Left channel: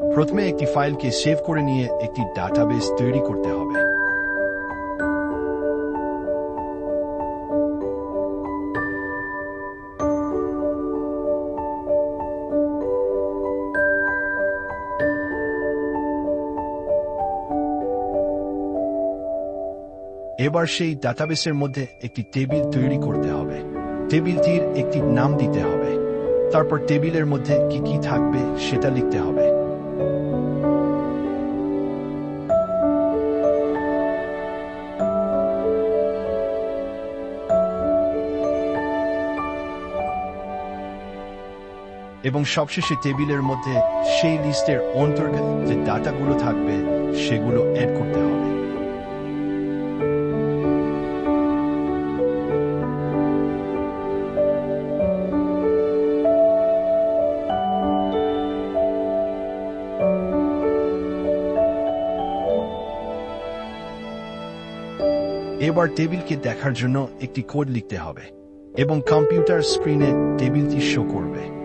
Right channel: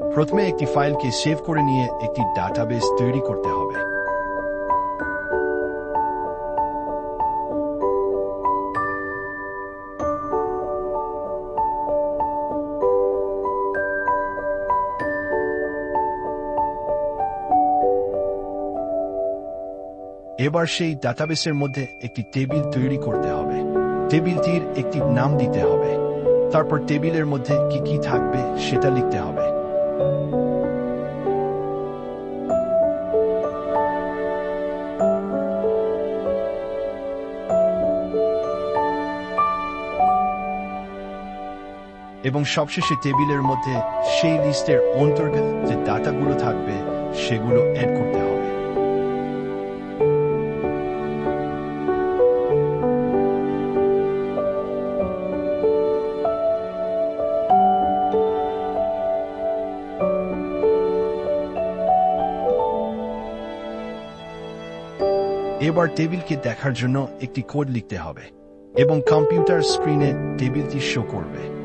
প্রথমে একটি ফাইলকে সেভ করে নিয়ে একটি ডাটাবেস তৈরি করতে হবে। এবার সেই ডাটাবেসের মধ্যে একটি টেবিল তৈরি করতে হবে। টেবিলটির একটি নাম দিতে হবে। তারপর টেবিলের মধ্যে কি কি থাকবে সেটা লিখতে হবে। এবং সবশেষে টেবিলের মধ্যে সেই লিস্টের অন্তর্গত যে ডাটাগুলো থাকবে সেগুলো অ্যাড করতে হবে। এবার টেবিলকে দেখার জন্য একটি কোড লিখতে হবে এবং কম্পিউটার স্ক্রিনে টেবিলটি শো করবে।